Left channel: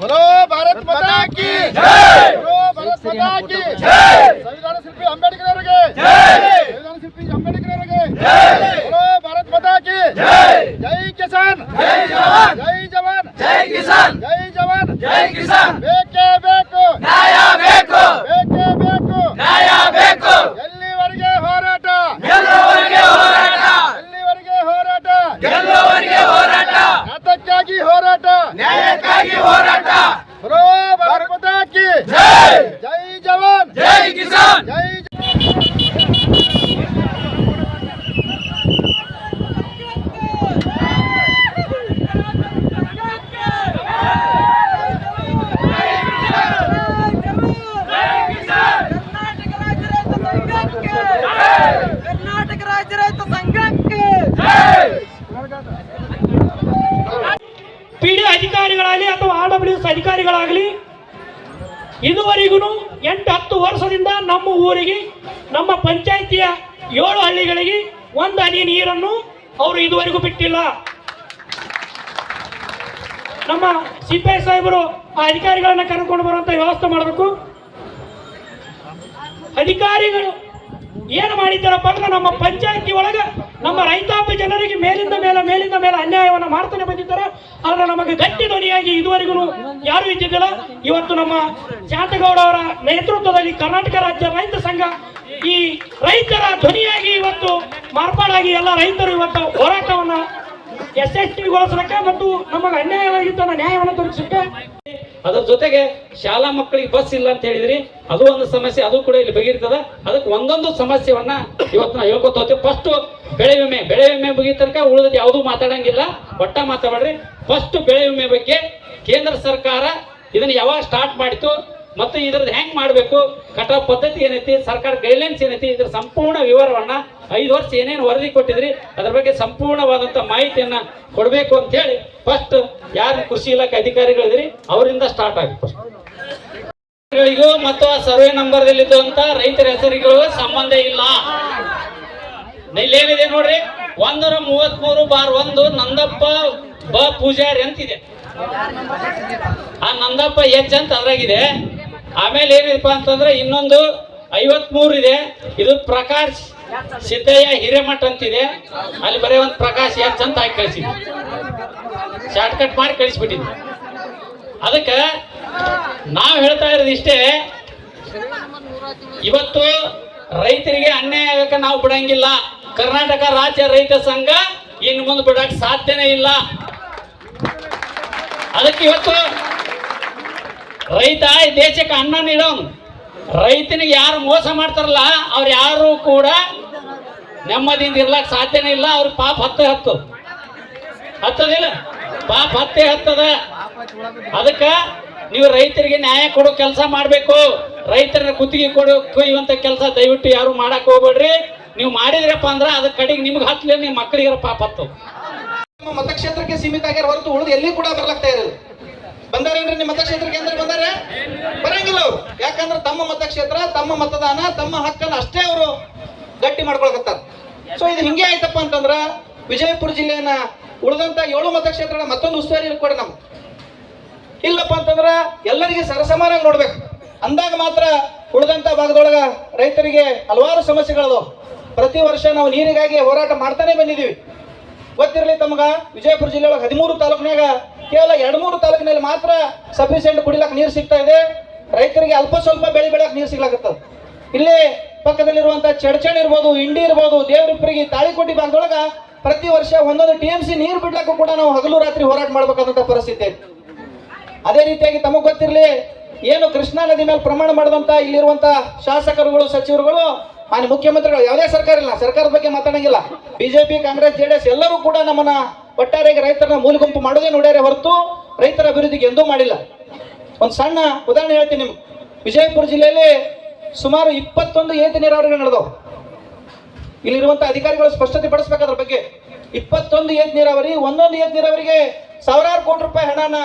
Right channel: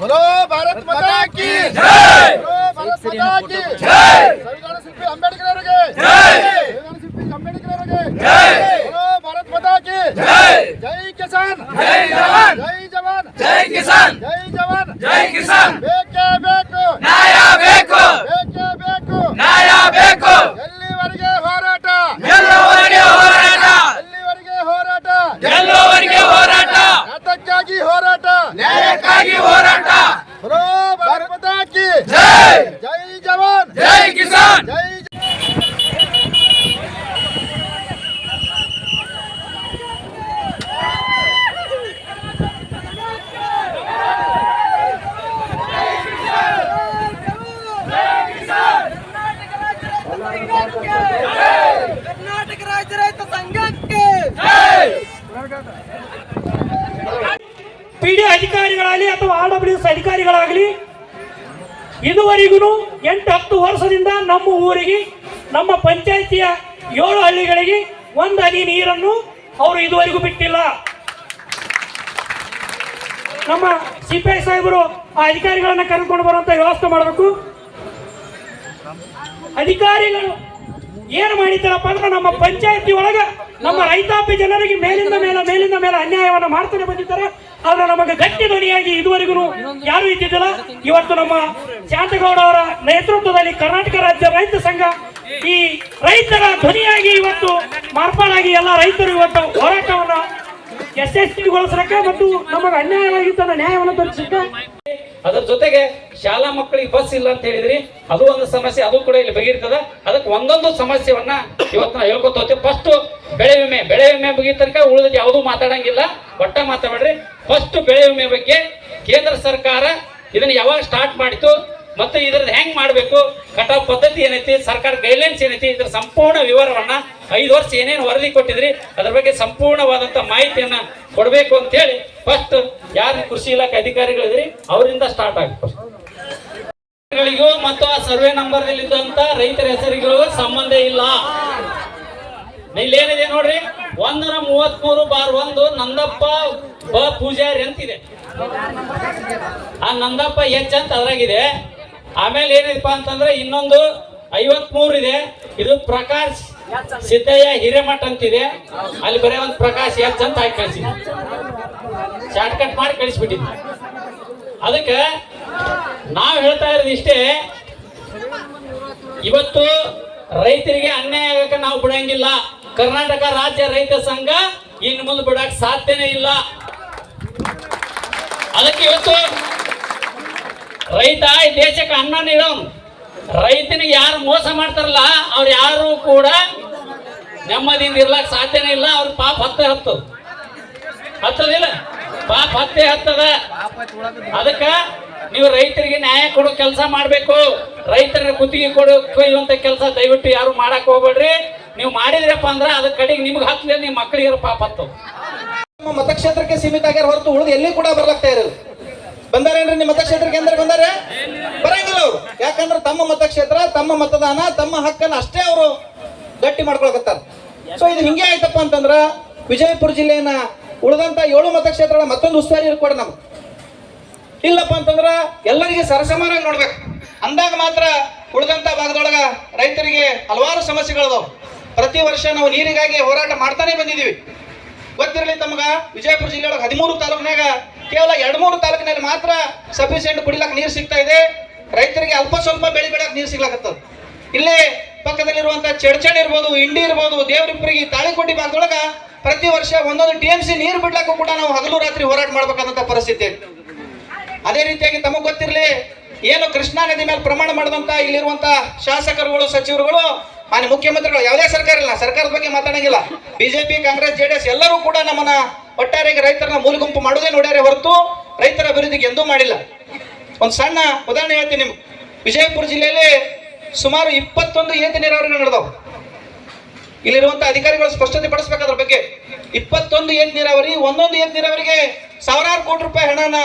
बोलो भारत माता की जय, बोलो भारत माता की जय, संविधान शिल्पी अंबेडकर ಅವರಿಗೆ जय, संविधान शिल्पी अंबेडकर ಅವರಿಗೆ जय, बोलो भारत माता की जय, जय किसान जय जवान, जय जवान जय किसान, जय जवान जय किसान, ಬೇಕೇ ಬೇಕು ನ್ಯಾಯ ಬೇಕು, ಬೇಕೇ ಬೇಕು ನ್ಯಾಯ ಬೇಕು, ಎಲ್ಲಿವರೆಗೆ ಹೋರಾಟ, ಗೆಲ್ಲುವವರೆಗೆ ಹೋರಾಟ, ಎಲ್ಲಿವರೆಗೆ ಹೋರಾಟ, ಗೆಲ್ಲುವವರೆಗೆ ಹೋರಾಟ, ನ್ಯಾಯಕ್ಕಾಗಿ ಹೋರಾಟ, ನ್ಯಾಯಕ್ಕಾಗಿ ಹೋರಾಟ, बोलो भारत माता की जय, जय जवान जय किसान, जय कर्नाटक राज्य रैत संघಕ್ಕೆ ಪಿಡಿ ಅಧಿಕಾರಿಗಳಾಗಲಿ ಅಥವಾ RWS ಅಧಿಕಾರಿಗಳಾಗಲಿ ಇದುವರೆಗೂ 8-10 ವರ್ಷದಿಂದ ನಮ್ಮ ಊರಿಗೆ, ನಮ್ಮ ಪಂಚಾಯಿತಿಯ 7 ಹಳ್ಳಿಗಳಿಗೆ ಒಂದು ಹನಿ ನೀರನ್ನು ಅವರು ಇದುವರೆಗೂ ಬಿಟ್ಟಿಲ್ಲ. ನಮ್ಮ ಸಿಪಾಯಿ ಸಾಹೇಬರು ಆ ಅಧಿಕಾರಿಗಳನ್ನ ಕರ್ಕೊಂಡು ಬರುವಂತ ವ್ಯವಸ್ಥೆ ಮಾಡಬೇಕು. ಅಧಿಕಾರಿಗಳು ಏನು ಮಾಡಿದ್ದಾರಪ್ಪ ಅಂದ್ರೆ ನಮ್ಮ ಪಂಚಾಯತಿ ಒಳಗ ನಮ್ಮ ರೈತಾಪಿ ಜನರಿಗೆ ಮೇಲಿಂದ ಮೇಲೆ ಅನ್ಯಾಯವನ್ನು ಮಾಡ್ತಾನೆ ಬಂದಿದ್ದಾರೆ. ಆದ್ರೆ ನಮಗೆ ಗಟ್ಟಿ ಧ್ವನಿಯಾಗಿ ಇದುವರೆಗೂ ಯಾರು ಇದ್ದಿದ್ದಿಲ್ಲ. ಇವತ್ತು ನಮ್ಮ ಶಾಂತಗೌಡ ಅವರ ನೇತೃತ್ವದಲ್ಲಿ ಕರ್ನಾಟಕ ರಾಜ್ಯ ರೈತ ಸಂಘ ಈ ರೈತರ ಧ್ವನಿಯಾಗಿ ಇವತ್ತು ಮಾರ್ಪಾಡಾಗಿ ಎಲ್ಲ ರೈತರು ಇವತ್ತು ಹೋರಾಟವನ್ನು ಯಶಸ್ವಿಗೊಳಿಸಲಿಕ್ಕೆ ಮತ್ತು ನಮಗೆ ಅನ್ಯಾಯವಾಗಿದ್ದ ನ್ಯಾಯವನ್ನು ತೋರಿಸಲಿಕ್ಕೆ. ಅದ್ರ ಜೊತೆಗೆ ಶಾಲಾ ಮಕ್ಕಳಿಗೆ ಬಸ್ ಇಲ್ಲ ಅಂತ ಹೇಳಿದ್ರಿ, ಅದು ಒಂದು ಸಮಸ್ಯೆ, ಅದು ಕೂಡ ಇಲ್ಲಿ ಬಗೆಯಿರ್ತದ. ಅದಕ್ಕೆ ಒಂದೊಂದು ಸಮಸ್ಯೆವನ್ನ ಇವತ್ತು ನಾವು ಹೇಳ್ಕೊತ ಹೋಗ್ತೀವಿ. ಫಸ್ಟ್ ಬೆಳೆ ವಿಮೆ ಮುಗಿದ ತನಕ ಉಳಿದ ಯಾವುದು ಮಾತಾಡಂಗಿಲ್ಲ, ಒಟ್ಟ ಮಾತಾಡ್ರಿ. ಫಸ್ಟ್ ಬೆಳೆ ವಿಮೆ ಬಗ್ಗೆ ಕೇಂದ್ರ ಸರ್ಕಾರ ಇದನ್ನ ಯಾವಾಗ ಸ್ಟಾರ್ಟ್ ಮಾಡಿತು ಮತ್ತು ಇದ್ರದ್ದು ಹೆಂಗ್ ಮಾಡಬೇಕು, ಕಟಾವ್ ಪದ್ಧತಿ ಏನೈತಿ, ಸರ್ಕಾರ ಗೈಡ್ಲೈನ್ಸ್ ಏನೈತಿ, ಇದ್ರ ಸಂಪೂರ್ಣ ವಿವರವನ್ನ 5 ವರ್ಷ ಏನೇನು ವರದಿ ಕೊಟ್ಟಿದ್ರಿ ಅದ್ರ ಬಗ್ಗೆ ಸಂಪೂರ್ಣವಾದಂತ ಮಾಹಿತಿಯನ್ನ ಕೊಡಬೇಕು ಅಂತ ಹೇಳಿ ಫಸ್ಟ್ ಯಾರು ಕೃಷಿ ಇಲಾಖೆ ಅಧಿಕಾರಿಗಳಿದ್ರಿ ಅವರಿಂದ ಸ್ಟಾರ್ಟ್ ಆಗುತ್ತೆ. ಮತ್ತು ಆ ಸರ್ವೆ ನಂಬರ್ ಇದ್ದಂತ ರೈತರ ಹೆಸರುಗಳ ಸಂಬಂಧ ಇಲ್ಲ. ಇಲ್ಲೇನಿದೆ ನೋಡ್ರಿ, 133/1 ನಂದಪ್ಪ ಪೂಜಾರಿ ಅಂತಿದೆ. ಆ ನಂದಪ್ಪ ಎಚ್ ಅಂತ ಅದ್ರಾಗಿದೆ. ಆಮೇಲೆ ಏನಿದೆಪ್ಪ ಅಂತಂದ್ರೆ ಇನ್ನೊಂದು 53 ಇದೆ, ಇದು ಪ್ರಕಾಶ್ ಸಿದ್ದಯ್ಯ ಹಿರೇಮಠ ಅಂತಿದೆ. ಅಲ್ಲಿ ಬರೀ ಒಂದು ಪ್ರಕಾಶ್ ಎಚ್ ಅಂತ ಹಾಕಿ ಕಳಿಸಿ, ಶಾರ್ಟ್ ಕಟ್ ಮಾಡಿ ಕಳಿಸ್ಬಿಟ್ಟಿದ್ವಿ. ಅದಕ್ಕೆ ನಾವು ಹೇಳ್ತಾ ಇರೋದು ಇಷ್ಟೇ, ಇವತ್ತು ರೈತರಿಗೆ ಅನ್ಯಾಯ ಆಗಕ್ಕೆ ನಾವು ಬಿಡಂಗಿಲ್ಲ. ಕರ್ನಾಟಕ ರಾಜ್ಯ ರೈತ ಸಂಘ ಇನ್ನು ಮುಂದೆ ಬಿಡಕ್ಕೆ ಸಾಧ್ಯನೇ ಇಲ್ಲ. ಅದಕ್ಕೆ ಇವತ್ತು ರೈತ ಈ ದೇಶಕ್ಕೆ ಅನ್ನ ನೀಡೋನು. ರೈತನಿಗೆ ಯಾರು ಮೋಸ ಮಾಡ್ತಾರಲ್ಲ ಅವ್ರು ಯಾರು ಕೂಡ ನೆಮ್ಮದಿಯಿಂದ ಇರ್ಲಕ್ ಸಾಧ್ಯನೇ ಇಲ್ಲ. ಅವ್ರ ಪಾಪ ಹತ್ತದಿಲ್ಲ, ಪಾಪ ಹತ್ತದ. ಅದಕ್ಕ ನೀವು ರೈತರಿಗೆ ನ್ಯಾಯ ಕೊಡೋ ಕೆಲಸ ಮಾಡ್ಬೇಕು. ರೈತರ ಕುತ್ತಿಗೆ ಕೊಯ್ಯುವಂತ ಕೆಲಸ ದಯವಿಟ್ಟು ಯಾರು ಮಾಡಕ್ ಹೋಗ್ಬೇಡ್ರಿ. ನೀವು ಮಾಡಿದ್ರಪ್ಪ ಅಂದ್ರ ಅದ ಕಡೆಗೆ ನಿಮ್ಗೆ ಹತ್ತಲಿ, ನಿಮ್ ಮಕ್ಕಳಿಗೆ ಪಾಪ ಹತ್ತು. ನಮ್ಮ ಮತಕ್ಷೇತ್ರಕ್ಕೆ ಸೀಮಿತ ಆಗ್ಯಾರ ಹೊರತು ಉಳಿದು ಎಲ್ಲಿ ಕೂಡ ಬರ್ಲಾಗ್ತಾ ಇರೋದು. ಬಂದಾರೇನ್ರಿ ನಿಮ್ಮ ಮತಕ್ಷೇತ್ರಕ್ಕೆ ಅಂದ್ರೆ ಬಂದಾರೆ? ಬರಂಗಿಲ್ಲ ಅವ್ರು. ಯಾಕಂದ್ರೆ ತಮ್ಮ ಮತಕ್ಷೇತ್ರ, ತಮ್ಮ ಮತದಾನ, ತಮ್ಮ ಹಕ್ಕನ್ನು ಅಷ್ಟೇ ಅವರು ಗಟ್ಟಿ ಮಾಡ್ಕೊಳಕತ್ತಾರ. ಸೊ ಇದು ಹಿಂಗೆ ಆಯ್ತಪ್ಪ ಅಂತಂದ್ರ ವಿಜಯಪುರ ಜಿಲ್ಲೆಯನ್ನ ಉಳಿದಂತ 7 ಮತಕ್ಷೇತ್ರಗಳ ಮತ್ತೊಂದು ಉಸ್ತುವಾರಿ ಇರ್ಕೊಡಿ ನಮ್ಗೆ. ಇಲ್ಲಪ್ಪ ಅಂತಂದ್ರ ಎಲ್ಲರಿಗೆ ಸರಸಮಾನಾಗಿ ನೋಡ್ಬೇಕು. ಅಂದಾಗ ಮಾತ್ರ ಉಳಿದಂತ ಭಾಗದೊಳಗ ರೈತರಿಗೆ ಹಲವಾರು ಸಮಸ್ಯೆಗಳದಾವ್. ಪ್ರತಿ ವರ್ಷ ನಾವು ನೀರಿಗಾಗಿ ಹೋರಾಟ ಮಾಡ್ತಾನೆ ಬಂದಿದೀವಿ. ಗೊತ್ತಿರಲಿ ತಮಗ, ವಿಜಯಪುರ ಜಿಲ್ಲೆಯೊಳಗೆ 13 ತಾಲೂಕಿನಾಗ ಕೇವಲ 2-3 ತಾಲೂಕಿನಲ್ಲಿ ಮಾತ್ರ ಸಫಿಸಿಯೆಂಟ್ ಕುಡಿಲಕ್ಕೆ ನೀರು ಸಿಗ್ತಾ ಇದೆ. ರೈತರಿಗೆ ಅಲ್ಪ ಸ್ವಲ್ಪ ಬೆಳೆ ಬೆಳಕ್ ನೀರು ಸಿಗ್ಲಾಕತ್ತದ. ಇಲ್ಲೇ ಪಕ್ಕದಲ್ಲಿರುವಂತ ಚಡ್ಚಣ್ ಇರ್ಬೋದು, ಇಂಡಿ ಇರ್ಬೋದು, ದೇವರಿಪ್ಪರಿಗೆ, ತಾಳಿಕೋಟಿ ಭಾಗದೊಳಗ ಪ್ರತಿ ವರ್ಷ 1 TMC ನೀರು ಬಿಡ್ಲಕ್ಕೂ ಕೂಡ ನಾವು ಹಗಲು ರಾತ್ರಿ ಹೋರಾಟ ಮಾಡ್ಬೇಕಾದಂತ ಪರಿಸ್ಥಿತಿ. ಅದೇ ರೀತಿಯಾಗಿ ತಮಗ್ ಗೊತ್ತಿರಲಿ, ಏನು ಕೃಷ್ಣಾ ನದಿ ಮೇಲೆ ಪ್ರಮಾಣ ಮಾಡಿದಂತ ಇಲ್ಲಿರುವಂತ ಶಾಸಕರುಗಳು, ಸಚಿವರುಗಳು, ಮಾನ್ಯ ಮುಖ್ಯಮಂತ್ರಿಗಳು, ಯಾವುದೇ ಸರ್ಕಾರ ಇಲ್ಲ, ಸರ್ಕಾರದ ಬಗ್ಗೆ ಮಾತಾಡಂಗಿಲ್ಲ. ಬಿಜೆಪಿ, ಕಾಂಗ್ರೆಸ್, JDS ಎಲ್ಲರೂ ಕೂಡ ನಮ್ಮನ್ನ ಒಟ್ಟಾರೆಯಾಗಿ ರೈತರನ್ನ ಮೂಲಗುಂಪು ಮಾಡೋದೇ ನೋಡ್ಯಾರೆ ಹೊರತು ರೈತರ ಅಭಿವೃದ್ಧಿಗೆ ಎಂದೂ ಮಾಡಿಲ್ಲ. ಒಂದು ಸಣ್ಣ ಉದಾಹರಣೆ ಹೇಳ್ತೀನಿ ನಿಮ್ಗೆ. ವಿಜಯಪುರ ಜಿಲ್ಲೆಯಲ್ಲಿ ಸುಮಾರು 21 ಏತ ನೀರಾವರಿಗಳು ನಡೆದವು. ಇಲ್ಲಿರುವಂತ ಅಧಿಕಾರಿಗಳು ಸ್ಪಷ್ಟತೆ ಪಡಿಸಬೇಕು ಅದ್ರ ಬಗ್ಗೆ. 21 ಏತ ನೀರಾವರಿ, ಒಂದೊಂದು ಏತ ನೀರಾವರಿಗೆ ಸಾವಿರಾರು ಕೋಟಿ ರೂಪಾಯಿ ಹಣನ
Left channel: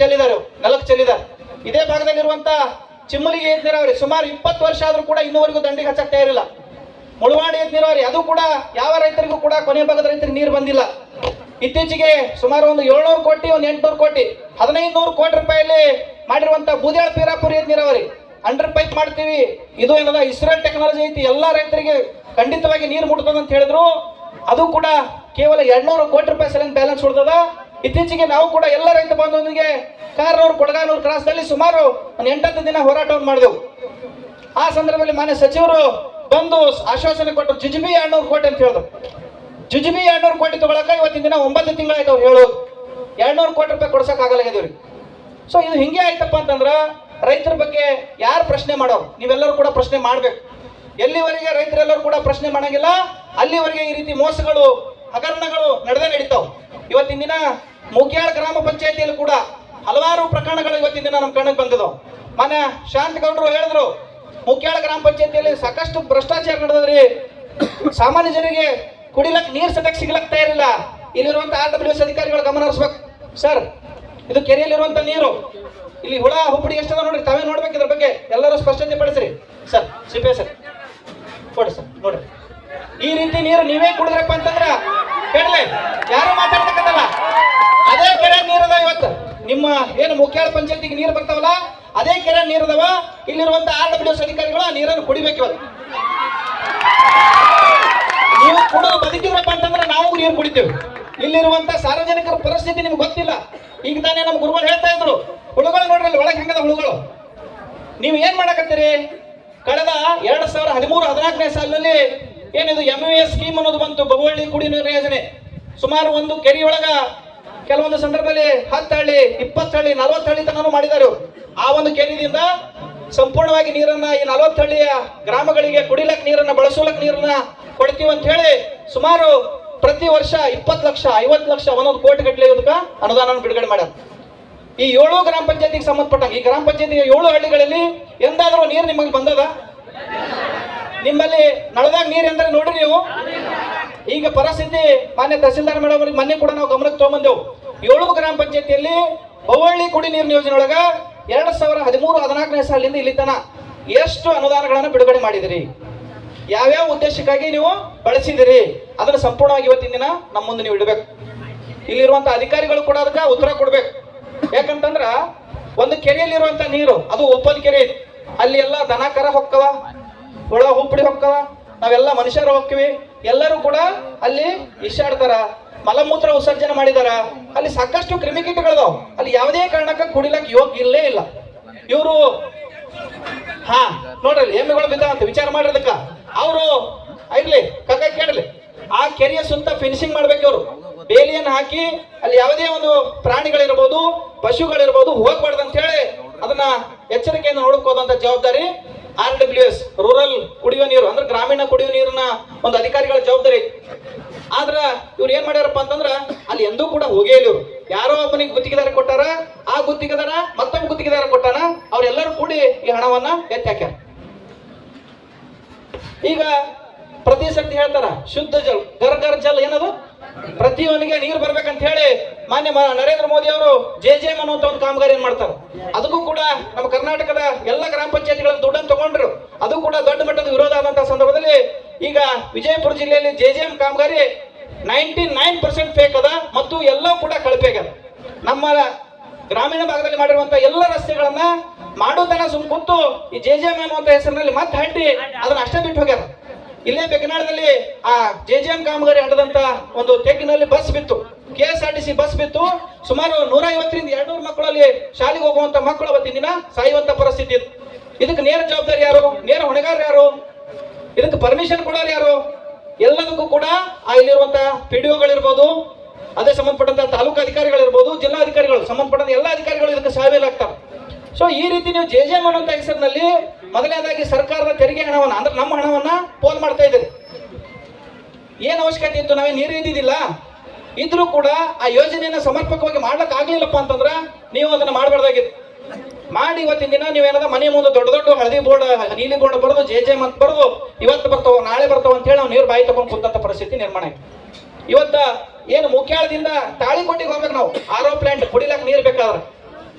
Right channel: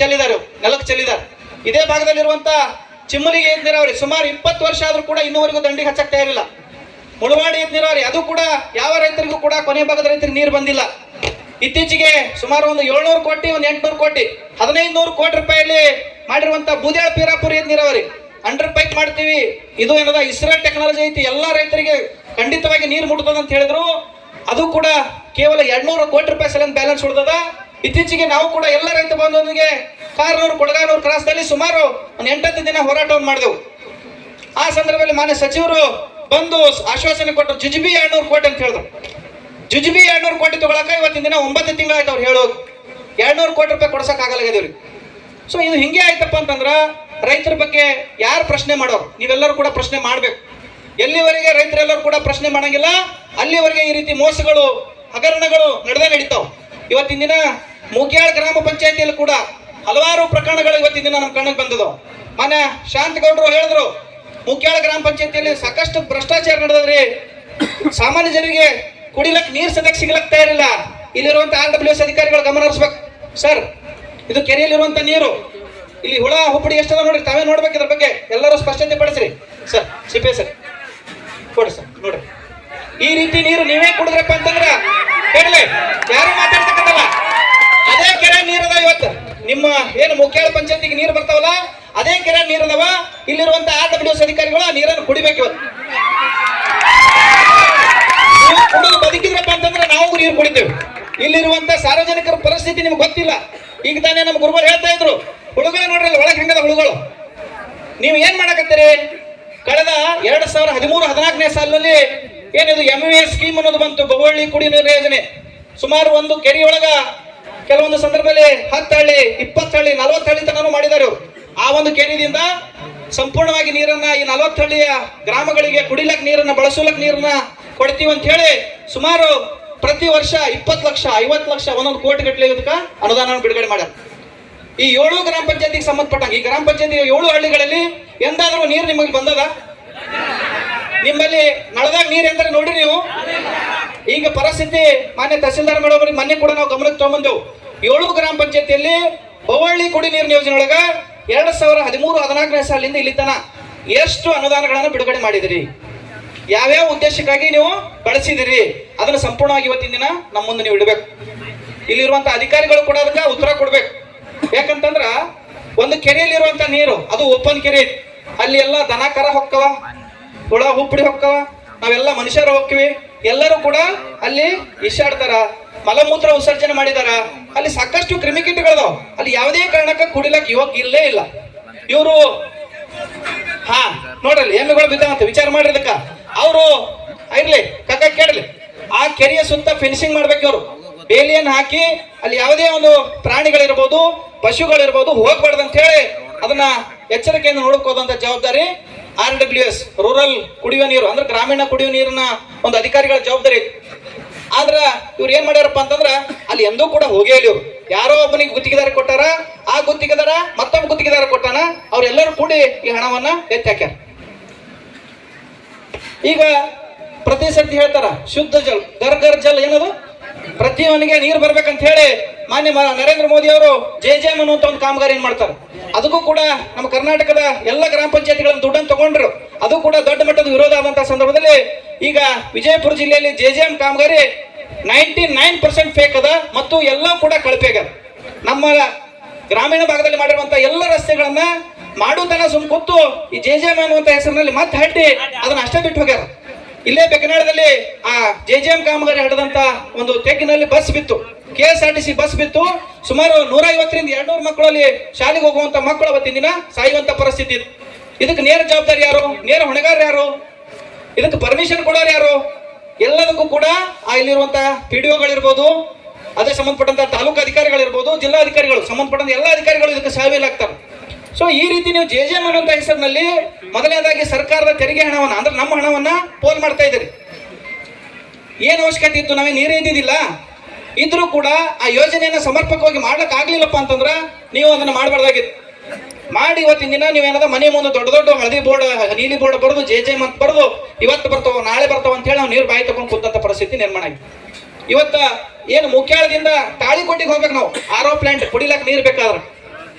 ಚೆಲ್ಲಿದ್ದಾರೆ, ನೆಲಕ್ಕೆ ಚೆಲ್ಲಿದ್ದಾರೆ. ಇದೇ ಭಾಗದಲ್ಲಿರುವಂತ ಚಿಮ್ಮಲಿ ಏತ ನೀರಾವರಿ ಸುಮಾರು 20 ವರ್ಷ ಆದ್ರೂ ಕೂಡ ಇನ್ನೂವರೆಗೂ ದಂಡಿಗೆ ಹಚ್ಚಕ್ ತಯಾರಿಲ್ಲ. ಮುಳವಾಡಿ ಏತ ನೀರಾವರಿ, ಅದು ಕೂಡ ಯಾವ ರೈತರಿಗೂ ಕೂಡ ಕೊನೆ ಭಾಗದ ರೈತರಿಗೆ ನೀರು ಬಂದಿಲ್ಲ. ಇತ್ತೀಚೆಗೆ ಸುಮಾರು ಒಂದು 700 ಕೋಟಿ, ಒಂದು 800 ಕೋಟಿ, 1500 ಕೋಟಿ ರೂಪಾಯಿಲಿ ಮಾಡಿರುವಂತ ಬೂದ್ಯಾಳ ಪೀರಾಪುರ ನೀರಾವರಿ ಅಂಡರ್ ಪೈಪ್ ಮಾಡ್ತೀವಿ, ಇದು ಏನದ ಇಸ್ರೇಲ್ ಟೆಕ್ನಾಲಜಿ ಐತಿ, ಎಲ್ಲ ರೈತರಿಗೆ ಖಂಡಿತವಾಗಿ ನೀರು ಮುಟ್ತದ ಅಂತ ಹೇಳಿದ್ರು. ಅದು ಕೂಡ ಕೇವಲ 200 ಕೋಟಿ ರೂಪಾಯಿ ಸಲ ಬ್ಯಾಲೆನ್ಸ್ ಉಳಿದದ. ಇತ್ತೀಚೆಗೆ ನಾವು ಕೂಡ ಎಲ್ಲ ರೈತ ಬಂಧುಗಳಿಗೆ ಕಾರನೂರು ಕೊಡಗಾನೂರು ಕ್ರಾಸ್ನಲ್ಲಿ ಸುಮಾರು ಒಂದು 8-10 ದಿನ ಹೋರಾಟವನ್ನು ಮಾಡಿದೆವು. ಆ ಸಂದರ್ಭದಲ್ಲಿ ಮಾನ್ಯ ಸಚಿವರು ಬಂದು ಆಶ್ವಾಸನೆ ಕೊಟ್ಟರು, ಜುಜುಬಿ 200 ಕೋಟಿ ಅಂತ ಹೇಳಿದ್ರು. ಜುಜುಬಿ 200 ಕೋಟಿ ತಗೊಳಕ ಇವತ್ತಿನ ದಿನ 9 ತಿಂಗಳಾಯ್ತು ಅವ್ರು ಹೇಳೋದು. 200 ಕೋಟಿ ರೂಪಾಯಿ ಕೊಡ್ಸಕ್ಕಾಗಲ್ಲ ಇವ್ರಿಗೆ. ಸೊ ಇದು ಹಿಂಗೆ ಆಯ್ತಪ್ಪ ಅಂತಂದ್ರ ರೈತರ ಬಗ್ಗೆ ಯಾರು ಪ್ರಶ್ನೆ ಮಾಡೋರು? ನೀವೆಲ್ಲರೂ ಕೂಡ ಪ್ರಶ್ನೆ ಮಾಡ್ಬೇಕು. ಎಲ್ಲಿವರೆಗೆ ರೈತರೆಲ್ಲರೂ ಕೂಡ ಪ್ರಶ್ನೆ ಮಾಡಂಗಿಲ್ಲ ಅಲ್ಲಿವರೆಗೆ ಈ ರೀತಿ ಮೋಸಗಳು, ಹಗರಣಗಳು ನಡೆದೇ ನಡೀತಾವ. ಇವತ್ತಿನ ದಿನ ಮುಗ್ಯಾಳ ಗ್ರಾಮ ಪಂಚಾಯತಿಯಲ್ಲಿ ಕೂಡ ಹಲವಾರು ಪ್ರಕರಣಗಳು ಇವತ್ತಿನ ದಿನ ನಮ್ಮ ಕಣ್ಣಿಗೆ ಬಂದಿದ್ದವು. ಮಾನ್ಯ ಶಾಂತಗೌಡರು ಹೇಳಿದ್ರು, ಮುಗ್ಯಾಳ ಗ್ರಾಮ ಪಂಚಾಯತಿಯಲ್ಲಿ ಸಾಕಷ್ಟು ಭ್ರಷ್ಟಾಚಾರ ನಡೆದ್ರಿ, ಸಾಮಾನ್ಯ ಜನರಿಗೆ ಕುಡಿಲಕ್ ನೀರು ಸದಕ್ಕೆ ಸಿಗ್ಲಕ್ ತಯಾರಿಲ್ಲ. ಇಲ್ಲಿರುವಂತ RWS ಅಧಿಕಾರಿಗಳು ಗಮನ ಹರಿಸ್ಬೇಕು. ಸರ್, ಇದು ಕೆರೆಯಲ್ಲಿರುವಂತ ನೀರು, ಇಲ್ಲಿ ಹುಳ ಹುಪ್ಪಡಿ ಎಷ್ಟದ ನೋಡ್ರಿ, ತಾವೇ ನೋಡ್ಬೇಕು. ಇದ್ರ ಬಗ್ಗೆ ಎಲ್ಲರೂ ಸ್ಪಷ್ಟತೆ ಪಡಿಸ್ರಿ. ಸರ್, ಸಿಪೆ ಸರ್ ಕೊಡಿ ಸರ್, ನೋಡ್ರಿ ಈ ರೀತಿ ನೀರು ನೀವೇ ಕುಡಿದ್ರಪ್ಪ ಅಂತಂದ್ರ ಕೇಳಲಿ, ಯಾರು ಮಾತಾಡ್ತಕ್ಕಂಥಲ್ಲ. ಅದೇ ಕೆರೆ ನೀರದ ಇವತ್ತು ನಿಮ್ಮ ಏನು ಮುಖ್ಯಾಳ ಪಂಚಾಯತಿಗೆ ನೀರು ಬರ್ತಾವಲ್ಲ, ಅದೇ ಕೆರೆ ನೀರದವ. ಇಲ್ಲಿರುವಂತ RWS ಅಧಿಕಾರಿಗಳು ಆ ನೀರನ್ನು ಕುಡಿಬೇಕು. ಇವತ್ತು ಬದುಕಿದ್ರಪ್ಪ ಅಂತಂದ್ರೆ ನಾವು ನೀರು ಕುಡಿತೇವೆ. ಇಲ್ಲಿರುವಂತ ಸಾರ್ವಜನಿಕರ ಪರಿಸ್ಥಿತಿ ನಿಮ್ಗೆ ಗೊತ್ತಿಲ್ಲ. ಈಗ ತಾನೇ ನಮ್ಮ ಗುರುಗಳು ಹೇಳ್ತಾ ಇದ್ರು, ಹುಳುಗಳು ನೋಡ್ರಿ ಒಳಗೆ ಹೆಂಗದ ಹುಳುಗಳು. ನೀವು ಏನ್ ಮಾಡಕತ್ತೀರಿ? ಕಳೆದ 2013-14ನೇ ಸಾಲಿನಲ್ಲಿ ಏನಿದು MVS ಸ್ಕೀಮ್ ಅನ್ನೋದು ಬಂತು, ಬೊಗವಳ್ಳಿ ಕುಡಿ ನೀರು ಯೋಜನೆ. ಸುಮಾರು ಒಂದು ಕೆರೆಯೊಳಗ ಕೆಲವೊಂದು ಸಂದರ್ಭದಲ್ಲಿ 10 ಹಳ್ಳಿ, 20 ಹಳ್ಳಿ, 40 ಹಳ್ಳಿ ತನಕ ಮಾಡಿದ್ದಾರೆ. ಆ ಒಂದು ಕೆರೆಯಿಂದ ಸಂಪೂರ್ಣವಾಗಿ ನೀರನ್ನ ಈ 40 ಹಳ್ಳಿಯ ಗ್ರಾಮಗಳಿಗೆ ಕುಡಿಲಕ್ ನೀರನ್ನ, ಬಳಸಲಕ್ ನೀರನ್ನ ಕೊಡ್ತೀವಿ ಅಂತ ಹೇಳಿ ಸುಮಾರು ಪ್ರತಿ ವರ್ಷ 20 ಲಕ್ಷ, 50 ಲಕ್ಷ, 1 ಕೋಟಿ ಗಟ್ಟಲೆ ಇದಕ್ಕ ಅನುದಾನ ಬಿಡುಗಡೆ ಮಾಡ್ಯಾರ. ಈ 7 ಗ್ರಾಮ ಪಂಚಾಯತಿಗೆ ಸಂಬಂಧಪಟ್ಟಂಗೆ ಈ ಗ್ರಾಮ ಪಂಚಾಯತಿ 7 ಹಳ್ಳಿಗಳಲ್ಲಿ ಎಂದಾದ್ರೂ ನೀರು ನಿಮಗೆ ಬಂದದ? ನಿಮ್ಮಲ್ಲಿ ನಳದಾಗ ನೀರು ಎಂದ್ರೆ ನೋಡಿ ನೀವು. ಈಗ ಪರಿಸ್ಥಿತಿ ಮಾನ್ಯ ತಹಸೀಲ್ದಾರ್ ಮೇಡಮ್ ಅವ್ರಿಗೆ ಮೊನ್ನೆ ಕೂಡ ನಾವು ಗಮನಕ್ಕೆ ತಗೊಂಡ್ಬಂದೆವು. 7 ಗ್ರಾಮ ಪಂಚಾಯತಿಯಲ್ಲಿ ಬೊವ್ವಳ್ಳಿ ಕುಡಿ ನೀರಿನ ಯೋಜನೆ ಒಳಗ 2013-14ನೇ ಸಾಲಿಂದ ಇಲ್ಲಿ ತನ ಎಷ್ಟು ಅನುದಾನಗಳನ್ನು ಬಿಡುಗಡೆ ಮಾಡಿದಿರಿ, ಯಾವ್ಯಾವ ಉದ್ದೇಶಕ್ಕಾಗಿ ನೀವು ಬಳಸಿದಿರಿ, ಅದನ್ನ ಸಂಪೂರ್ಣವಾಗಿ ಇವತ್ತಿನ ದಿನ ನಮ್ಮ ಮುಂದೆ ನೀವು ಇಡಬೇಕು. ಇಲ್ಲಿರುವಂತ ಅಧಿಕಾರಿಗಳು ಕೂಡ ಅದಕ್ಕೆ ಉತ್ತರ ಕೊಡ್ಬೇಕು. ಯಾಕಂತಂದ್ರ ಒಂದು ಕೆರೆಯಲ್ಲಿರುವಂತ ನೀರು ಅದು ಓಪನ್ ಕೆರೆ, ಅಲ್ಲಿ ಎಲ್ಲ ದನ ಕರ ಹೊಕ್ಕವ, ಹುಳ ಹುಪ್ಪಡಿ ಹೊಕ್ಕವ, ನಾವೆಲ್ಲ ಮನುಷ್ಯರು ಹೋಗ್ತೀವಿ, ಎಲ್ಲರೂ ಕೂಡ ಅಲ್ಲಿ ಇಶಾಡ್ತಾರ, ಮಲಮೂತ್ರ ವಿಸರ್ಜನೆ ಮಾಡಿದಾರ, ಅಲ್ಲಿ ಸಾಕಷ್ಟು ಕ್ರಿಮಿಕೀಟಗಳದಾವ. ಅಲ್ಲಿ ಯಾವುದೇ ಕಾರಣಕ್ಕೆ ಕುಡಿಲಕ್ ಯೋಗ್ಯ ಇಲ್ಲೇ ಇಲ್ಲ. ಇವರು ನೋಡ್ರಿ ಎಮ್ಮೆಗಳು ಬಿದ್ದಾವಂತ ವಿಚಾರ ಮಾಡಿರ್ದಕ್ಕ ಅವರು ಇರ್ಲಿ ಕಕ್ಕ ಕೇಳಲಿ, ಆ ಕೆರೆಯ ಸುತ್ತ ಫಿನಿಶಿಂಗ್ ಮಾಡ್ಬೇಕು. ಅವರು ಬೇಲಿಯನ್ನು ಹಾಕಿ ಅಲ್ಲಿ ಯಾವುದೇ ಒಂದು ಪ್ರಾಣಿಗಳಿರ್ಬೋದು, ಪಶುಗಳಿರ್ಬೋದು ಹೋಗ್ಬಾರ್ದು ಅಂತ ಹೇಳಿ ಅದನ್ನ ಎಚ್ಚರಿಕೆಯಿಂದ ನೋಡ್ಕೋದಂತ ಜವಾಬ್ದಾರಿ RWS ರೂರಲ್ ಕುಡಿಯುವ ನೀರು ಅಂದ್ರೆ ಗ್ರಾಮೀಣ ಕುಡಿಯುವ ನೀರಿನ ಒಂದು ಅಧಿಕಾರಿಗಳ ಜವಾಬ್ದಾರಿ. ಆದ್ರ ಇವ್ರು ಏನ್ ಮಾಡ್ಯಾರಪ್ಪ ಅಂತಂದ್ರ ಅಲ್ಲಿ ಎಂದೂ ಕೂಡ ಹೋಗೇ ಇಲ್ಲ. ಇವ್ರು ಯಾರೋ ಒಬ್ಬನಿಗೆ ಗುತ್ತಿಗೆದಾರ ಕೊಟ್ಟಾರ, ಆ ಗುತ್ತಿಗೆದಾರ ಮತ್ತೊಬ್ಬ ಗುತ್ತಿಗೆದಾರ ಕೊಟ್ಟಾನ, ಅವ್ರೆಲ್ಲರೂ ಕೂಡಿ ಈ ಹಣವನ್ನ ಎತ್ತಿ ಹಾಕ್ಯಾರ. ಈಗ ಪ್ರತಿ ಸರ್ತಿ ಹೇಳ್ತಾರ ಶುದ್ಧ ಜಲ್, ಗರ್ ಗರ್ ಜಲ್ ಏನದು, ಪ್ರತಿ ಮನೆಗೆ ನೀರು ಬರ್ಬೇಕಂತ ಹೇಳಿ ಮಾನ್ಯ ನರೇಂದ್ರ ಮೋದಿ ಅವರು JJM ಅನ್ನುವಂತ ಒಂದು ಕಾಮಗಾರಿ ಏನ್ ಮಾಡ್ತಾರೆ. ಅದಕ್ಕೂ ಕೂಡ ನಮ್ಮ ಕರ್ನಾಟಕದ ಎಲ್ಲ ಗ್ರಾಮ ಪಂಚಾಯತಿಗಳನ್ನ ದುಡ್ಡನ್ನು ತಗೊಂಡ್ರು. ಅದು ಕೂಡ ದೊಡ್ಡ ಮಟ್ಟದ ವಿರೋಧ ಆದಂತಹ ಸಂದರ್ಭದಲ್ಲಿ ಈಗ ವಿಜಯಪುರ ಜಿಲ್ಲೆಯಲ್ಲಿ JJM ಕಾಮಗಾರಿ 99% ಫೇಕ್ ಅದ ಮತ್ತು ಎಲ್ಲ ಕೂಡ ಕಳಪೆ ಆಗ್ಯದ. ನಮ್ಮ ಗ್ರಾಮೀಣ ಭಾಗದಲ್ಲಿ ಮಾಡಿರುವಂತ ಎಲ್ಲ ರಸ್ತೆಗಳನ್ನ ಮಾಡೋತನ ಸುಮ್ ಕೂತು ಈ JJM ಅನ್ನುವಂತ ಹೆಸರಿನಲ್ಲಿ ಮತ್ತೆ ಹಟ್ಟಿ ಅದನ್ನ ಅಷ್ಟೇ ಬಿಟ್ಟು ಹೋಗ್ಯಾರ. ಇಲ್ಲೇ ಬೆಕ್ಕನಾಳದಲ್ಲಿ ಆ JJM ಕಾಮಗಾರಿ ಹಡದಂತ ಒಂದು ತೆಗ್ಗಿನಲ್ಲಿ ಬಸ್ ಬಿತ್ತು, KSRTC ಬಸ್ ಬಿತ್ತು. ಸುಮಾರು 150ರಿಂದ 200 ಮಕ್ಕಳಲ್ಲಿ ಶಾಲೆಗೆ ಹೋಗುವಂತ ಮಕ್ಕಳು ಅವತ್ತಿನ ದಿನ ಸಾಯುವಂತ ಪರಿಸ್ಥಿತಿ ಇತ್ತು. ಇದಕ್ಕೆ ನೇರ ಜವಾಬ್ದಾರಿ ಯಾರು, ನೇರ ಹೊಣೆಗಾರ ಯಾರು, ಇದಕ್ಕೆ ಪರ್ಮಿಷನ್ ಕೊಡೋರು ಯಾರು? ಎಲ್ಲದಕ್ಕೂ ಕೂಡ ಇಲ್ಲಿರುವಂತಹ PDOಗಳಿರ್ಬೋದು, ಅದೇ ಸಂಬಂಧಪಟ್ಟಂತ ತಾಲೂಕು ಅಧಿಕಾರಿಗಳಿರ್ಬೋದು, ಜಿಲ್ಲಾ ಅಧಿಕಾರಿಗಳು, ಸಂಬಂಧಪಟ್ಟಂತ ಎಲ್ಲ ಅಧಿಕಾರಿಗಳು ಇದಕ್ಕೆ ಸೇವೆಯಲ್ಲಿ ಆಗ್ತಾರೆ. ಸೊ ಈ ರೀತಿ ನೀವು JJM ಅನ್ನುವಂತ ಹೆಸರಿನಲ್ಲಿ ಮೊದಲನೇದಾಗಿ ಸರ್ಕಾರದ ತೆರಿಗೆ ಹಣವನ್ನ ಅಂದ್ರೆ ನಮ್ಮ ಹಣವನ್ನ ಪೋಲ್ ಮಾಡ್ತಾ ಇದ್ದೀರಿ. ಏನ್ ಅವಶ್ಯಕತೆ ಇತ್ತು? ನಾವೇ ನೀರೇ ಇದ್ದಿದ್ದಿಲ್ಲ. ಇದ್ರೂ ಕೂಡ ಆ ಯೋಜನೆಯನ್ನ ಸಮರ್ಪಕವಾಗಿ ಮಾಡ್ಲಿಕ್ಕೆ ಆಗ್ಲಿಲ್ಲಪ್ಪ ಅಂತಂದ್ರ ನೀವು ಅದನ್ನ ಮಾಡಬಾರ್ದಾಗಿತ್ತು. ಮಾಡಿ ಇವತ್ತಿನ ದಿನ ನೀವೇನದ ಮನೆ ಮುಂದೆ ದೊಡ್ಡ ದೊಡ್ಡ ಹಳದಿ ಬೋರ್ಡ್, ನೀಲಿ ಬೋರ್ಡ್ ಬರೋದು JJM ಅಂತ ಬರೋದು, ಇವತ್ತು ಬರ್ತಾವ ನಾಳೆ ಬರ್ತಾವ ಅಂತ ಹೇಳಿ ನಾವು ನೀರು ಬಾಯಿ ತಗೊಂಡು ಕೂತಂತ ಪರಿಸ್ಥಿತಿ ನಿರ್ಮಾಣ ಆಗಿದೆ. ಇವತ್ತ ಏನು ಮುಖ್ಯಾಳದಿಂದ ತಾಳಿಕೋಟಿಗೆ ಹೋಗ್ಬೇಕು ನಾವು, RO ಪ್ಲಾಂಟ್ ಕುಡಿಲಕ್ ನೀರು ಬೇಕಾದ್ರೆ.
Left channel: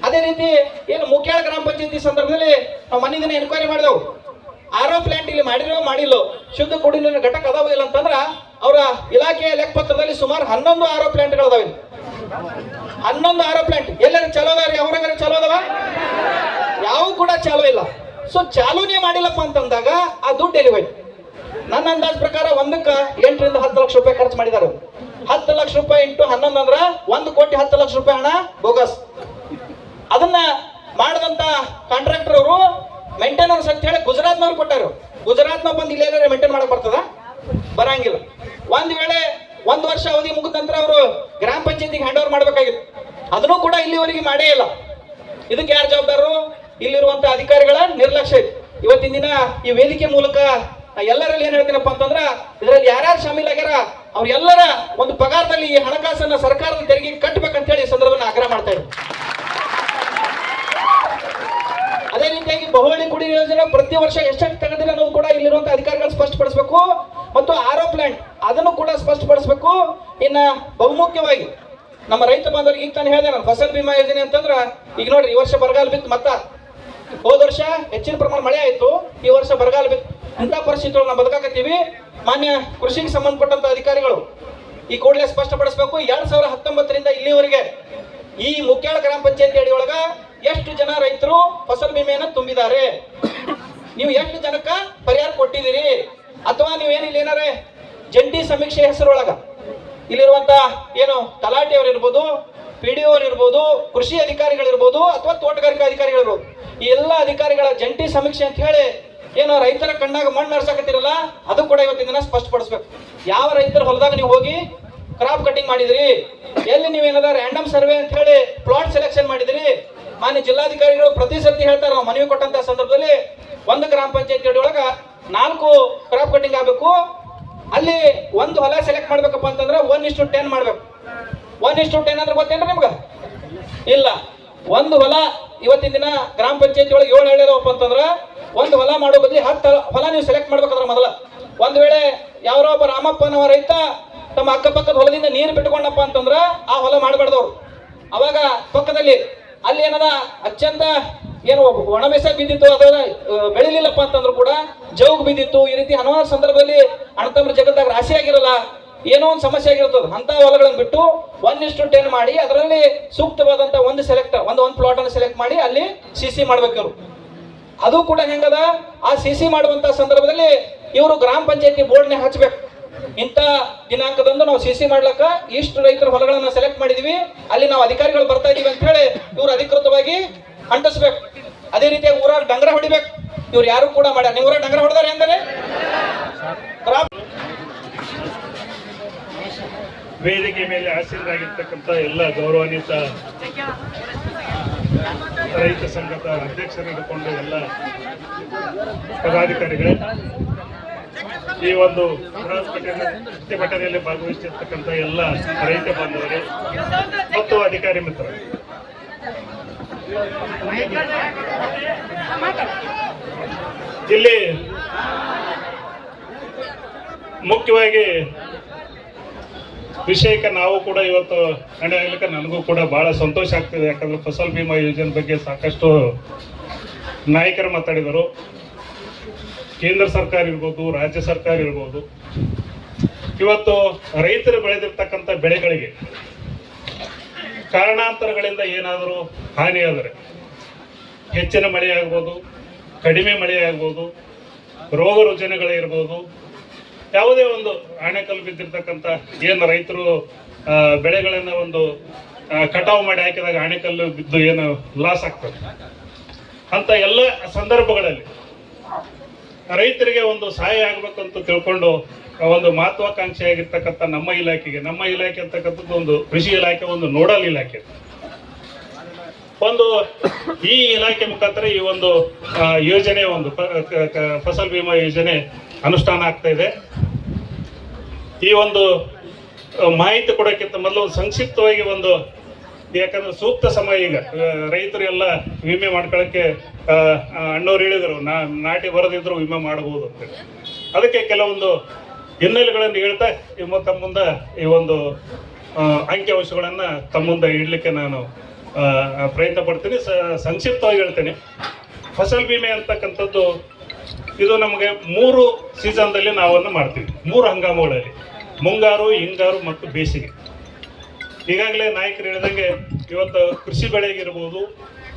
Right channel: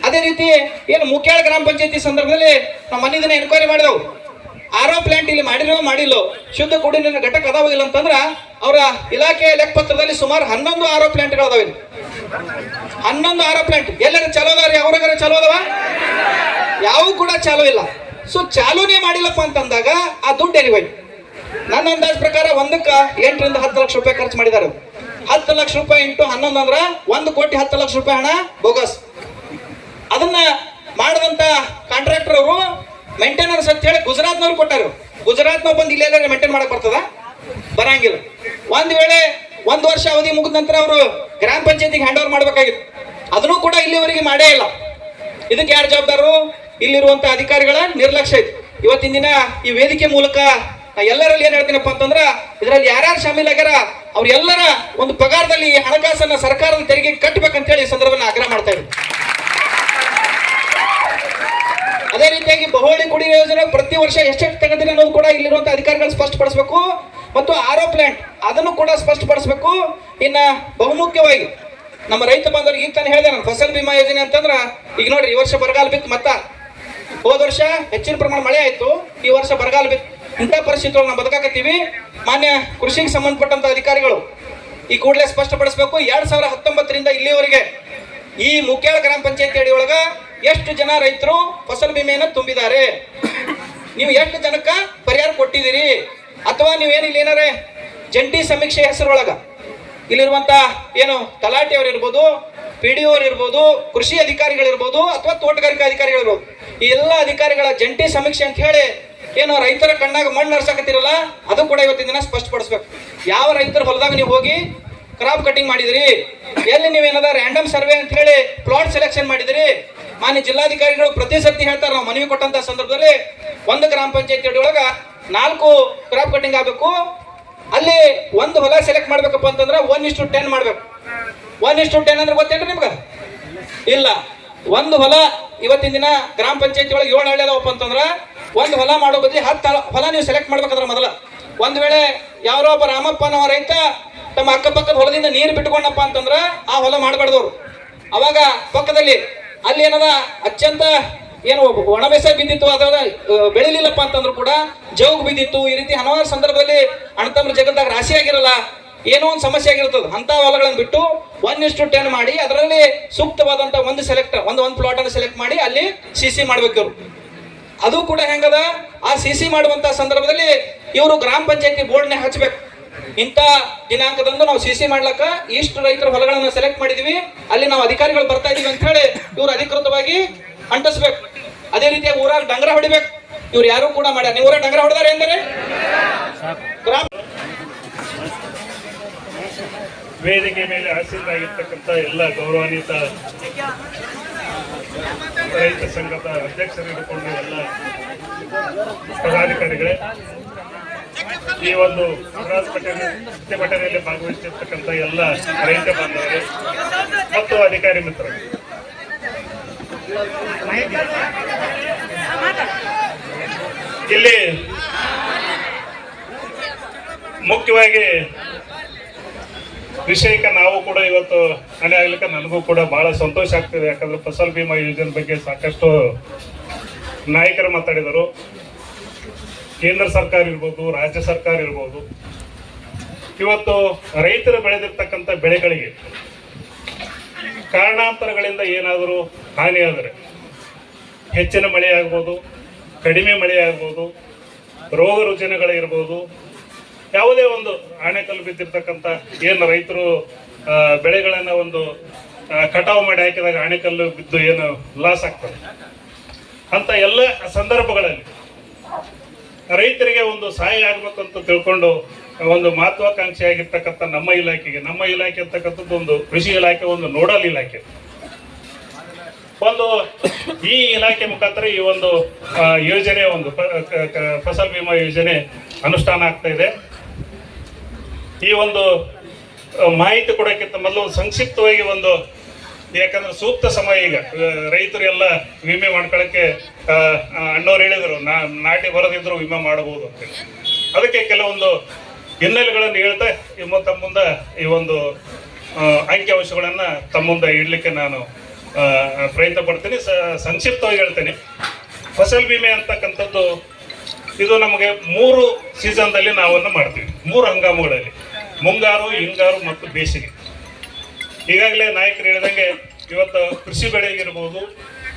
ಅದೇ ರೀತಿ ಏನು ಮುಖ್ಯಾಳ ಗ್ರಾಮ ಪಂಚಾಯತಿ ಸಂದರ್ಭದಲ್ಲಿ ನಾವು ಮನೆ ದಿನ ಎನ್ಕ್ವೈರಿ ಮಾಡಿದೆವು. RO ಪ್ಲಾಂಟ್ ಇಲ್ಲಿ ಮಾಡಿಲ್ಲೋ ಶುದ್ಧ ಕುಡಿಯುವ ನೀರಿನ ಘಟಕ ಅದಾವ ಇಲ್ಲ ಅಂತಂದ್ರ ಅವರ ಇಲಾಖೆಯಲ್ಲಿ ಲೆಕ್ಕಪತ್ರದಲ್ಲಿ ಸುಮಾರು 11 ಆರೋ ಪ್ಲಾಂಟ್ಗಳದಾವೆ. 11 ಆರೋ ಪ್ಲಾಂಟ್ ಎಲ್ಲರ ಚಲೋ ಅದಾವ, ಯಾವ್ರಾಗಾರ ಚಲೋ ಅದಾವ? ಯಾವ ಕೂಡ ಚಾಲೂ ಇಲ್ಲ. ಸೊ ಚಾಲೂನೇ ಮಾಡಿಲ್ಲಪ್ಪ ಅಂತಂದಾಗ ಆ ದುಡ್ಡು ಎಲ್ಲಿ ಹೋಯ್ತು? ನನ್ನ ಅಂದಾಜ್ ಪ್ರಕಾರ ಒಂದಕ್ಕೆ 8 ರಿಂದ 10 ಲಕ್ಷ ರೂಪಾಯಿ ಖರ್ಚು ಮಾಡಿದ್ದಾರೆ. 10 ಲಕ್ಷ ರೂಪಾಯಿ ಇಂಟು 11 ಅಂದ್ರೆ 1,10,00,000 ರೂಪಾಯಿ ಹಣ ಬೋಗಸ್. ಅದನ್ನ ಮಾಡಿದಂತ ಕಾಂಟ್ರಾಕ್ಟರ್ ಅವರು ಮೇಂಟೆನೆನ್ಸ್ ಅಂತ ಹೇಳಿ ಗುಜರಾತ್ನವ್ರು ಕೊಟ್ಟಾರ. ಗುಜರಾತ್ನವ್ರು ಬಂದು ಇಲ್ಲೇ ಮೇಂಟೈನ್ ಮಾಡಕ್ ಬರ್ತದ? ಬರಂಗಿಲ್ಲ. ಒಂದ್ ವೇಳೆ 1 ವರ್ಷ ಅವಧಿ ಮುಗಿದ ನಂತರ ಅವರು ಗ್ರಾಮ ಪಂಚಾಯತಿಗೆ ಹ್ಯಾಂಡ್ ಓವರ್ ಮಾಡ್ಬೇಕಾಗಿತ್ತು. ಅದನ್ನು ಕೂಡ ಇಲ್ಲಿವರೆಗೆ ಮಾಡೇ ಇಲ್ಲ. ಇದಕ್ಕೆ ಯಾರು ಜವಾಬ್ದಾರರು? ಇಲ್ಲಿರುವಂತ ಅಧಿಕಾರಿಗಳ ನಿರ್ಲಕ್ಷ್ಯ ಇದೆ. ಇವತ್ತಿನ ದಿನ ಈ ವೇದಿಕೆ ಮೂಲಕ ಎಲ್ಲರಲ್ಲಿ ಏನ್ ಹೇಳ್ತೀನಪ್ಪ ಅಂತಂದ್ರ, ಇದರಲ್ಲಿ ಯಾರ್ಯಾರು ಶಾಮೀಲಾಗ್ಯಾರ ಅವ್ರೆಲ್ಲರ ಒಂದು ಪಗಾರದಲ್ಲಿ ಹಣಕಾಸನ್ನ ಸರ್ಕಾರದ ತೆರಿಗೆ ಕಟ್ಟಬೇಕಂತ ಹೇಳಿ ಈ ಸಂದರ್ಭದಲ್ಲಿ ಆಗ್ರಹ ಮಾಡ್ತಾ ಇದ್ದೀನಿ. ಅದೇ ರೀತಿಯಾಗಿ ಬಹುವಳಿ ಕುಡಿಯುವ ಯೋಜನೆ ಪ್ರತಿ ವರ್ಷ ಎಷ್ಟೆಷ್ಟು ತೆಗೆದಿದೆ ಅನ್ನೋದು ಕೂಡ ಇಲ್ಲಿರುವಂತಹ ಅಧಿಕಾರಿಗಳು ಸ್ಪಷ್ಟಪಡಿಸಬೇಕು. ಮತ್ತು ಆರೋ ಪ್ಲಾಂಟ್ ಅದನ್ನು ಕೂಡ ಸ್ಪಷ್ಟಪಡಿಸಬೇಕು. ಇನ್ನ ಬಹುಮುಖ್ಯವಾಗಿ ನಮ್ಮ ರೈತ ಬಾಂಧವರಿಗೆ ಈಗ ತಾನೇ ಹೇಳಿದೆ ನಾನು, ಫಸಲ್ ಬಿಮಾ ಯೋಜನೆ ಅಂತಂದ್ರ ಈಗ ನೋಡ್ರಿ, ಈ ವರ್ಷ ಬರಗಾಲ ಬಿತ್ತು, ಮತ್ತ ಹೋದ ವರ್ಷ ಹೆಚ್ಚಿನ ಪ್ರಮಾಣ ಮಳೆ ಆಯ್ತು, ಈ ವರ್ಷ ಬರಗಾಲ ಬಿತ್ತು. ಇಂಥ ಪರಿಸ್ಥಿತಿ ನಾವು ಬದುಕಾಕತ್ತೀವಿ. ಮಾನ್ಯ ಕೃಷಿಗೆ ಸಂಬಂಧಪಟ್ಟಂತ ಅಧಿಕಾರಿಗಳು ಈ ಕೂಡಲೇ ಸ್ಪಷ್ಟಪಡಿಸಬೇಕು. 2019ರಿಂದ ಇಲ್ಲಿವರೆಗೆ ಈ ಮುಖ್ಯಾಳ ಗ್ರಾಮ ಪಂಚಾಯತಿ ಅಡಿಯೊಳಗ ಎಷ್ಟು ಜನ ರೈತರು ಫಸಲ್ ಬಿಮೆಯನ್ನು ತುಂಬಿದ್ದಾರೆ, ನೀವು ಎಷ್ಟು ಜನಕ್ಕ ಪರಿಹಾರ ಕೊಟ್ಟಿದ್ದೀರಿ, ಅಥವಾ ನೀವೇನಿಲ್ಲ ಏನಾರೇ ಜಂಟಿ ಸಮೀಕ್ಷೆ ಹೆಸರೊಳಗ ಇಲ್ಲಿರುವಂತ ಏನು ತಲಾಟೆಯವರು ಇರ್ಬೋದು, PDO ಇರ್ಬೋದು, ಕೃಷಿ ಅಧಿಕಾರಿಗಳಿರ್ಬೋದು, ಅಥವಾ ತೋಟಗಾರಿಕಾ ಅಧಿಕಾರಿಗಳಿರ್ಬೋದು, ಈ ಎಲ್ಲ ಅಧಿಕಾರಿಗಳ ಜಂಟಿ ಸಮೀಕ್ಷೆ ಅಂತ ಹೇಳಿ ಏನು ರೈತರ ಕಣ್ಣಾಗ ಮಣ್ಣು ನರ್ಸಕತ್ತಿರಲ್ಲ, ಅದು ಕೂಡ ಇವತ್ತಿನ ದಿನ ಸ್ಪಷ್ಟಪಡಿಸ್ಬೇಕು. ಯಾವ ರೈತರ ಹೊಲದಾಗ ನೀವು ಹೋಗಿ ಕ್ರಾಪ್ ಕಟಿಂಗ್ ಮಾಡಿದ್ರಿ, ಎಲ್ಲಿ ನೀವೇನದ ರ್ಯಾಂಡಮ್ ಸರ್ವೆ ಅಂತ ಹೇಳಿ ಪ್ಲಾಟ್ ಸೆಲೆಕ್ಷನ್ ಮಾಡಿದ್ರಿ. ಮಾನ್ಯ ಜಿಲ್ಲಾಧಿಕಾರಿಗಳು ಪ್ರತಿ ಸರ್ತಿ ಹೇಳ್ತಾರೆ, ನಾವು ಮನವಿ ಕೊಟ್ಟಂತ ಸಂದರ್ಭದಲ್ಲಿ ಒಂದು ಗ್ರಾಮ ಪಂಚಾಯತಿ ಒಳಗ 4 ಕ್ರಾಪ್ ಕಟಿಂಗ್ ಆಗಬೇಕು. ಅಲ್ಲಿ ಒಂದು ಹೊಲ ಸೆಲೆಕ್ಟ್ ಮಾಡ್ಬೇಕಪ್ಪ ಅಂತಂದ್ರೆ 1:10 ಮಾಡ್ಬೇಕು. 1:10 ಅಂದ್ರೆ ಗೊತ್ತೇನ್ರಿ ನಿಮ್ಗೆ? ಇಲ್ಲ. ಒಂದು ಹೊಲ ಇವತ್ತಿನ ದಿನ ಗ್ರಾಮ ಪಂಚಾಯತಿ ಒಳಗೆ 7 ಹಳ್ಳಿ ಅದಾವಪ್ಪ ಅಂತಂದ್ರೆ ಒಂದು ಹೊಲ ಮಾಡೋ ಬದಲಿ 10 ಹೊಲ ನೀವು ಸೆಲೆಕ್ಟ್ ಮಾಡ್ಬೇಕಂದ್ರೆ ಮೊದಲ. ಒಂದ್ ವೇಳೆ ಯಾರೋ ಒಬ್ಬ ರಾಮಪ್ಪನವ ರೈತ ತಮ್ಮ ಅಕ್ಕಪಕ್ಕದ ಹೊಲದಿಂದ ನೀರು ಬಿಟ್ಕೊಂಡಪ್ಪ ಅಂತಂದ್ರ ಆ ಹೊಲ ಮಾಡಬಾರ್ದವ್ರು. ಅವಾಗ ಪಕ್ಕದಲ್ಲಿ ಅಲ್ಲಿ ಏನದ ಅತ್ಯಂತ ಏನು ಒಣ ಬೇಸಾಯ ಬಿದ್ದಿತ್ತು, ಅದ ಬೆಳಿಲಿಲ್ಲಪ್ಪ ಅಂತಂದ್ರು ಕೂಡ ಜೌಗ್ ಬಿದ್ದಿತ್ತು. ಈ ರೀತಿ ಹಲವಾರು ಸಂದರ್ಭದಲ್ಲಿ ಅಣ್ಣತಮ್ಮರ ಜಗತ್ತಾಗ ರಾಶಿ ಆಗಿರಲ್ಲ, ಏನೋ ಒಂದು ಸಮಸ್ಯೆ ಆಗಿರ್ತದೆ. ಅಂತ ಹೊಲಗಳನ್ನು ಬಿಟ್ಟು 1:10 ಮಾಡಿ ಅದರಲ್ಲಿ ಸೂಕ್ತವಾದಂತ ಒಂದು ಪ್ಲಾಟ್ ಅನ್ನು ಸೆಲೆಕ್ಟ್ ಮಾಡಿ ಅಲ್ಲಿ CC ಮಾಡ್ಬೇಕು. ಅದು ಕೂಡ ಹೆಂಗದ, ಆ CC ಮಾಡುವಂತ ಸಂದರ್ಭದಲ್ಲಿ ಇವರು ಗ್ರಾಮ ಪಂಚಾಯತಿ ಬೋರ್ಡ್ನೆ ಹಚ್ಬೇಕು. ಇಂಥ ದಿನಾಂಕದಂದು ನಾವು CC ಮಾಡ್ಲಕ್ಕ ಇಷ್ಟು ರೈತರ ಹೊಲಗಳನ್ನ ಸೆಲೆಕ್ಟ್ ಮಾಡಿದೀವಿ, ಅಲ್ಲಿ ನಾವು ಅಧಿಕಾರಿಗಳು ಬರ್ತಾ ಇದೀವಿ ಅಂತ ಹೇಳಿ ಇವ್ರು ಅಧಿಕೃತವಾಗಿ ಅಂಟಿಸ್ಬೇಕು. ಅದೇ ರೀತಿ ಊರಾಗ ಡಂಗರ ಹೊಡಿಬೇಕು. ಇವ್ರು ಯಾರು ಕೂಡ ಮಾಡ್ಯಾರ. ನೀವು ಊರಾಗ ಡಂಗರ ಹೊಡೆದಾರೆ ಅಂದರೆ ವೇದಿಕೆ ಮೇಲೆ ಆಸೀನರಾಗಿರ್ತಕ್ಕಂಥ ಎಲ್ಲ ಗೌರವಾನ್ವಿತ ರೈತ ಸಂಘದ ಅಧ್ಯಕ್ಷರಿಟ್ಟುಕೊಂಡು ಎಲ್ಲ ಪದಾಧಿಕಾರಿಗಳೇ, ಈ ಒಂದು ಪ್ರತಿಭಟನೆಯಲ್ಲಿ ಭಾಗವಹಿಸಿರ್ತಕ್ಕಂಥ ಎಲ್ಲ ರೈತ ಬಾಂಧವರೇ ಮತ್ತು ಅಧಿಕಾರಿ ಮಿತ್ರರು, ಇಲ್ಲಿ ಮುಖ್ಯವಾಗಿ ವಿಷಯಕ್ಕೆ ನಾವು ಕೂಡ ಇವತ್ತು ಹಣೆ ಆಗ್ಲಿಕ್ಕೆ ನನಗೂ ಕೂಡ ಬಹಳ ಸಂತೋಷ ಆಗ್ತಿದೆ. ಯಾಕಂದ್ರೆ ಫಸಲ್ ಬಿಮಾ ಯೋಜನೆ ಬಗ್ಗೆ ಸಾಕಷ್ಟು ನಾಯಕರು ಮಾತಾಡಿದರು. ಕೇಂದ್ರ ಸರ್ಕಾರ ಇರ್ಬೋದು, ರಾಜ್ಯ ಸರ್ಕಾರ ಇರ್ಬೋದು, ಇವತ್ತು ರೈತರು ಬೆಳೆದಿರ್ತಕ್ಕಂಥ ಬೆಳೆಗಳಿಗೆ ಕಾರಣಾಂತರಗಳಿಂದ ಏನಾದರೂ ಹಾನಿ ಆದರೆ, ಹೆಚ್ಚಿನ ಮಳೆ ಆಗ್ಬೋದು, ಕಡಿಮೆ ಮಳೆ ಆಗ್ಬೋದು, ರೋಗ ರುಜಿನಗಳಿರ್ಬೋದು, ಯಾವುದೇ ಒಂದು ಆಣೆಕಲ್ಲು ಬಿದ್ದಿರ್ತಕ್ಕಂಥ ಏನು ರೈತರು ಬೆಳೆಗಳನ್ನ ಒಂದು ಕಟಾವು ಮಾಡಿ ಹಾಕಿದಾಗ ಆಣೆಕಲ್ಲು ಬಿದ್ದು ಏನು ಲಾಸ್ ಆಗ್ತದೆ, ಅಂತ ಎಲ್ಲ ಸಂದರ್ಭಗಳಲ್ಲಿ ರೈತರಿಗೆ ಒಂದು ಸಹಾಯ ಆಗ್ಬೇಕು ಅಂತ ತಿಳ್ಕೊಂಡು ಒಂದು ಮಹತ್ವಾಕಾಂಕ್ಷಿ ಆಗಿರ್ತಕ್ಕಂಥ ನಮ್ಮ ಇಲಾಖೆ ಅಂತಕ್ಕಂಥದ್ದು ಒಂದು ಕೃಷಿ ಇಲಾಖೆ, ಒಂದು ನೋಡಲ್ ಇಲಾಖೆ, ಒಂದು ಈ ಇಲಾಖೆ ಮುಖಾಂತರ ಈ ಒಂದು ಯೋಜನೆ, ಒಂದು ಫಸಲ್ ಬಿಮಾ ಯೋಜನೆ ಅನುಷ್ಠಾನ ಆಗ್ತಾ ಇದೆ. ಈ ಒಂದು ಮಾಹಿತಿ ಕೊಡೋಕ್ಕಿಂತ ಮೊದಲು ಒಂದು ಸಂಕ್ಷಿಪ್ತವಾಗಿ ಒಂದು, ಯಾಕಂದ್ರೆ ಸೂಕ್ತ ಸಮಯ ಈಗ ರೈತರು ಎಲ್ಲ ವಿಮೆ ಮಾಡ್ಕೊಳ್ಳೋಕ್ಕೆ ಅಣ್ಣವ್ರು ಹೇಳಿದರು, ನಾಟಿ ಬರದಿದ್ರು ವಿಮೆ ಮಾಡಬಹುದು ಅಂತೇಳಿ. ಅದಕ್ಕೆ ಕೆಲವೊಂದು ಹಿನ್ನೆಲೆಗಳನ್ನು ಹೇಳ್ತಾ ತಮ್ಮ ಮುಂದೆ ಈ ಒಂದು ಅಂಕಿಅಂಶಗಳನ್ನು ತಮ್ಮ ಮುಂದೆ ಇಡಲಿಕ್ಕೆ ನಾನು ಪ್ರಯತ್ನ ಪಡ್ತೀನಿ. ಸಂಕ್ಷಿಪ್ತವಾಗಿ ಹೇಳ್ತೇನೆ. ಫಸಲ್ ಬಿಮೆ ಅಂತಕ್ಕಂಥದ್ದು ಇದು ನಮಗೆ 3 ಸೀಸನ್ದಲ್ಲಿ ನಾವನ್ನು ಮಾಡ್ತೀವಿ, 3 ಹಂಗಾಮುಗಳಲ್ಲಿ. ಮುಂಗಾರು, ಹಿಂಗಾರು ಮತ್ತು ಬೇಸಿಗೆ. ಈಗಾಗಲೇ ನಾಯಕರು ಹೇಳಿದಂಗೆ ಇವತ್ತು ಕೃಷಿ ಬೆಳೆಗಿರ್ಬೋದು,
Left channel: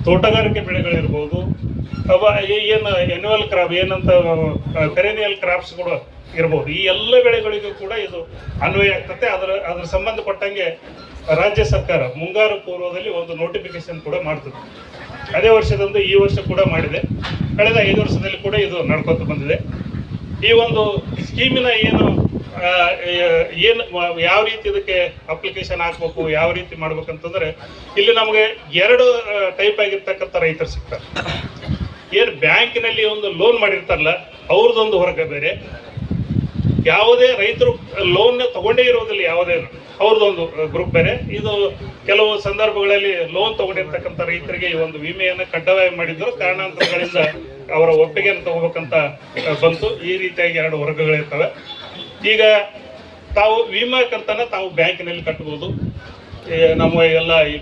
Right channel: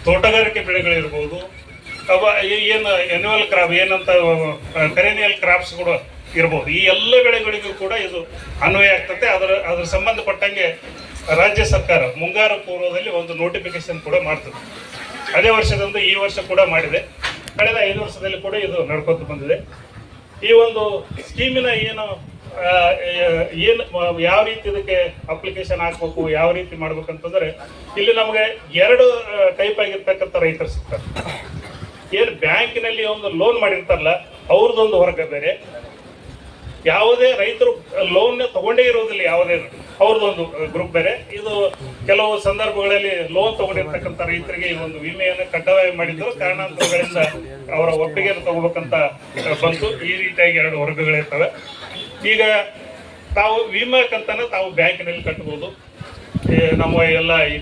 ತೋಟಗಾರಿಕೆ ಬೆಳೆಗಳಿರ್ಬೋದು, ಅವ ಏನು ಎನ್ಯುವಲ್ ಕ್ರಾಪ್ ಏನಂತ ಪೆರಿನಿಯಲ್ ಕ್ರಾಪ್ಸ್ ಕೂಡ ಇರ್ಬೋದು. ಈ ಎಲ್ಲ ಬೆಳೆಗಳಿಗೂ ಕೂಡ ಇದು ಅನ್ವಯ ಆಗ್ತದೆ. ಅದರ ಸಂಬಂಧಪಟ್ಟಂಗೆ ರಾಜ್ಯ ಸರ್ಕಾರ ಮುಂಗಾರು ಪೂರ್ವದಲ್ಲಿ ಒಂದು ನೋಟಿಫಿಕೇಶನ್ ಕೂಡ ಮಾಡ್ತದೆ. ಅದೇ ವರ್ಷದಂದು ಈ ವರ್ಷ ಕೂಡ ಮಾಡಿದೆ. ಕಳೆದ 5 ವರ್ಷದಲ್ಲಿ ಕೂಡ ಇದು ನಡ್ಕೊತ ಬಂದಿದೆ. ಈ ಒಂದು ಸ್ಕೀಮಿನ ಏನು ಯಾವ ರೀತಿ ಇದಕ್ಕೆ ಅಪ್ಲಿಕೇಶನ್ ಹಾಕ್ಬೇಕು, ಯಾವ ರೀತಿ ಮಾಡ್ಬೇಕಂತಂದ್ರೆ, ಇಲ್ಲಿ ನಮಗೆ 2 ಟೈಪ್ ಆಗಿರ್ತಕ್ಕಂಥ ರೈತರು ಸಿಗ್ತಾರೆ. ಏನು ಬ್ಯಾಂಕಿನಲ್ಲಿ ಒಂದು ಲೋನ್ ಮಾಡಿರ್ತಾರಲ್ಲ, ಅವ್ರದ್ದೊಂದು ವರ್ಗ ಬೇರೆ. ಯಾವುದೇ ರೈತರು ಲೋನ್ ತಗೊಂಡೇ ಇರೋದಿಲ್ಲ, ಯಾವುದೇ ಅವ್ರದ್ದೊಂದು ಗ್ರೂಪ್ ಬೇರೆ. ಇದು ಕೆಲವು ಸಂದರ್ಭಗಳಲ್ಲಿ ಲೋನ್ ತಗೊಂಡಿರ್ತಕ್ಕಂಥ ರೈತರಿಗೆ ಈ ಒಂದು ವಿಮೆಯನ್ನು ಕಡ್ಡಾಯ ಮಾಡಿದ್ರು. ಕಾರಣಾಂತರಗಳಿಂದ ಅವರ ಒಪ್ಪಿಗೆಯನ್ನು ತಗೋಬೇಕಂತ ಬಂತು. ಈ ರೀತಿಯಾಗಿ 2 ವರ್ಗಗಳಿರ್ತವೆ. ಈಗ ತಾವು ವಿಮಾ ಕಂತನ್ನ ತಾವು ಬ್ಯಾಂಕಿನಲ್ಲಿ ಕಟ್ಟಬಹುದು. ನಮ್ಮ ಎಲ್ಲ ಈ